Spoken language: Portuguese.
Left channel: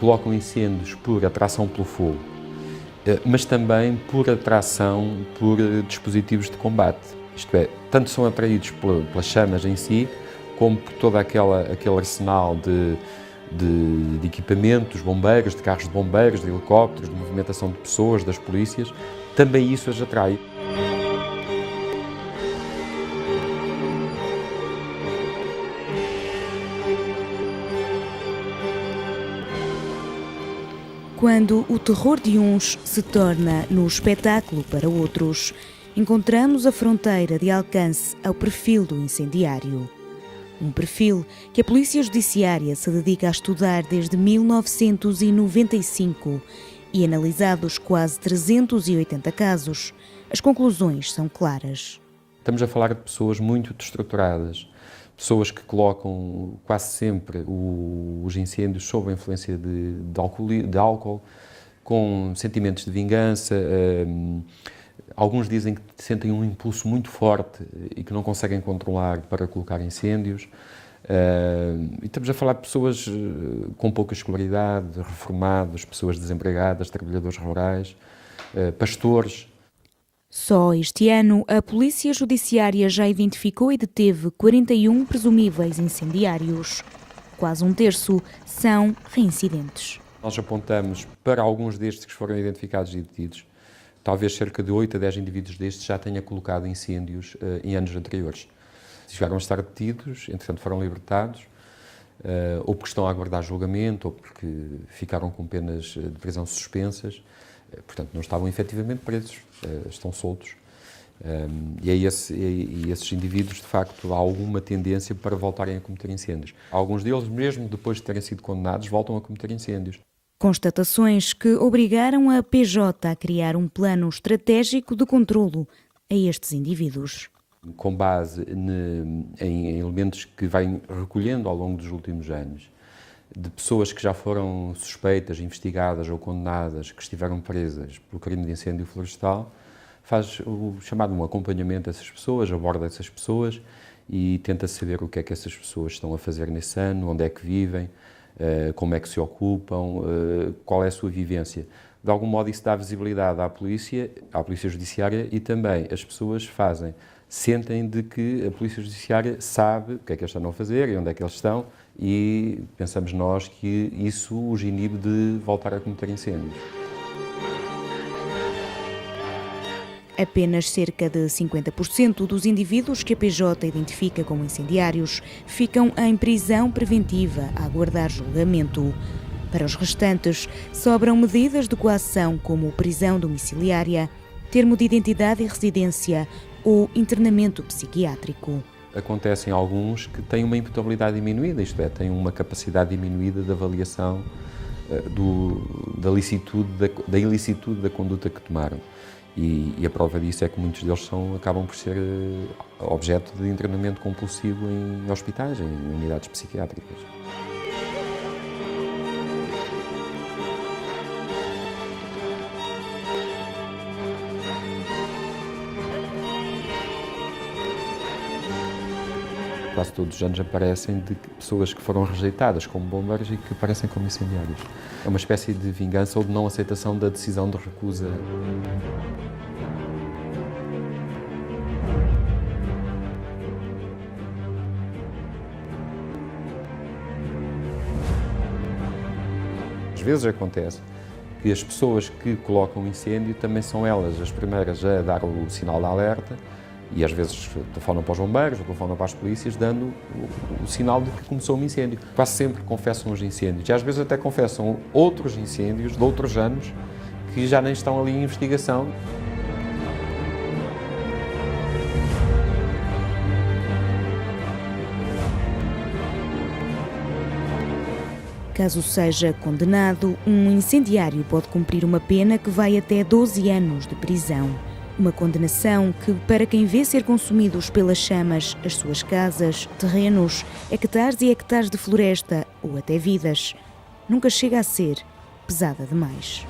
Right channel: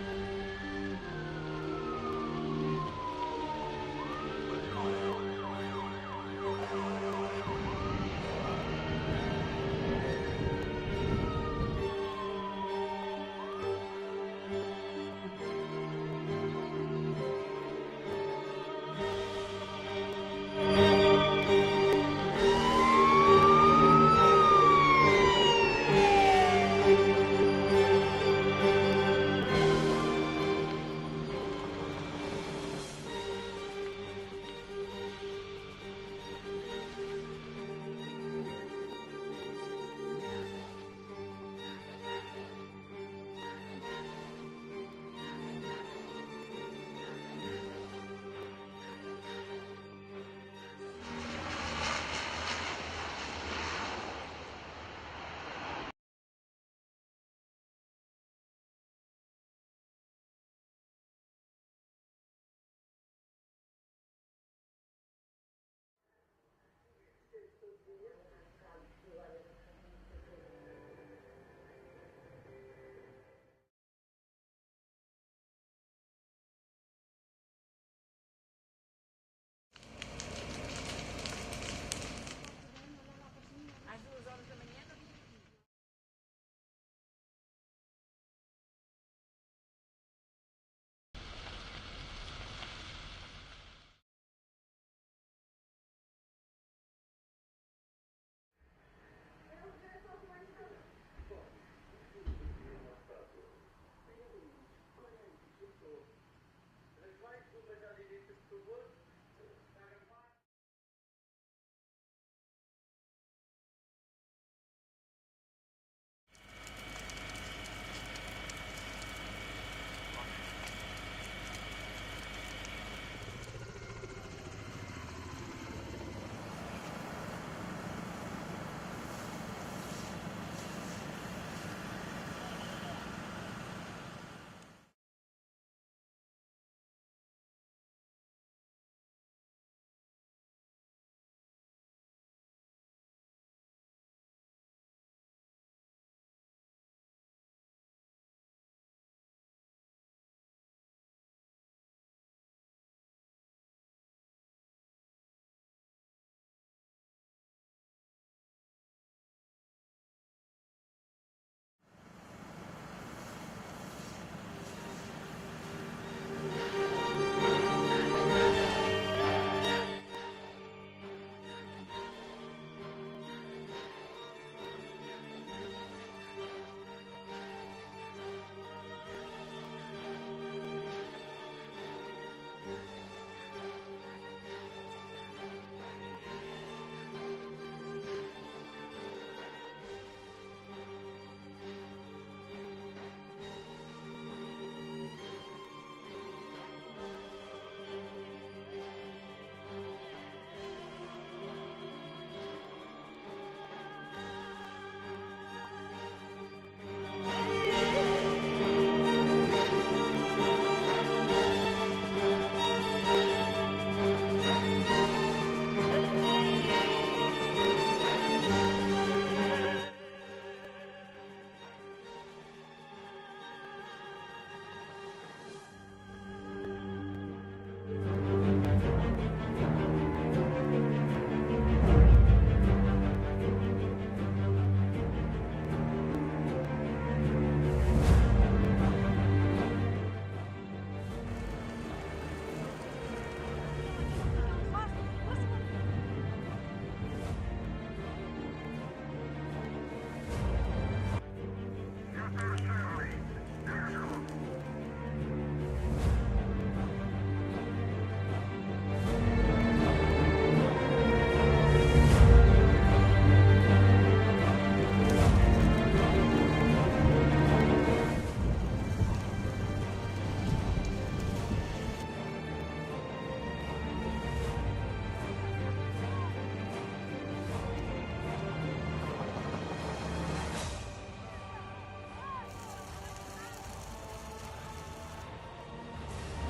colocam incêndios por atração pelo fogo, mas também por atração por dispositivos de combate. Isto é, tanto são atraídos pelas chamas em si, como por todo aquele arsenal de equipamentos, bombeiros, de carros de bombeiros, de helicópteros, de movimentação de pessoas, das polícias, também isso as atrai. Quando o terror de uns se torna no espetáculo para outros, encontramos a fronteira de alcance ao perfil do incendiário. Um perfil que a Polícia Judiciária se dedica a estudar desde 1995 e, analisados quase 380 casos, as conclusões são claras. Estamos a falar de pessoas muito destruturadas, pessoas que colocam quase sempre os incêndios sob a influência de álcool, com sentimentos de vingança. Alguns dizem que sentem um impulso muito forte e que não conseguem controlar para colocar incêndios. E estamos a falar de pessoas com pouca escolaridade, reformados, pessoas desempregadas, trabalhadores rurais, pastores. Só este ano, a Polícia Judiciária já identificou e deteve 41 presumíveis incendiários. Quase um terço são reincidentes. Nós apontamos para alguns destes que foram identificados e detidos. Talvez cerca de 8 a 10 indivíduos destes já tenha colocado incêndios em anos anteriores. Chegaram a estar detidos, entretanto foram libertados, ou porque estão a aguardar julgamento, ou porque ficaram com penas de prisão suspensas. Portanto, não estavam efetivamente presos, estão soltos. E esses indivíduos, de facto, há alguma tendência para voltarem a cometer incêndios. Alguns deles, mesmo depois de terem sido condenados, voltam a cometer incêndios. Constatações que obrigaram a PJ a criar um plano estratégico de controlo a estes indivíduos. Com base em elementos que vai recolhendo ao longo dos últimos anos, de pessoas que já foram suspeitas, investigadas ou condenadas, que estiveram presas pelo crime de incêndio florestal, faz o chamado um acompanhamento dessas pessoas, aborda essas pessoas e tenta saber o que é que essas pessoas estão a fazer nesse ano, onde é que vivem, como é que se ocupam, qual é a sua vivência. De algum modo isso dá visibilidade à Polícia Judiciária e também as pessoas sentem de que a Polícia Judiciária sabe o que é que eles estão a fazer e onde é que eles estão e pensamos nós que isso os inibe de voltar a cometer incêndios. Apenas cerca de 50% dos indivíduos que a PJ identifica como incendiários ficam em prisão preventiva a aguardar julgamento. Para os restantes, sobram medidas de coação como prisão domiciliária, termo de identidade e residência ou internamento psiquiátrico. Acontecem alguns que têm uma imputabilidade diminuída, isto é, têm uma capacidade diminuída de avaliação da ilicitude da conduta que tomaram. E a prova disso é que muitos deles acabam por ser objeto de internamento compulsivo em hospitais, em unidades psiquiátricas. Quase todos os anos aparecem de pessoas que foram rejeitadas como bombeiros e que aparecem como incendiários. É uma espécie de vingança ou de não aceitação da decisão de recusa. Às vezes acontece que as pessoas que colocam incêndio também são elas as primeiras a dar o sinal de alerta e às vezes telefonam para os bombeiros, telefonam para as polícias, dando o sinal de que começou um incêndio. Quase sempre confessam os incêndios e às vezes até confessam outros incêndios de outros anos que já nem estão ali em investigação. Caso seja condenado, um incendiário pode cumprir uma pena que vai até 12 anos de prisão. Uma condenação que, para quem vê ser consumidos pelas chamas as suas casas, terrenos, hectares e hectares de floresta ou até vidas, nunca chega a ser pesada demais.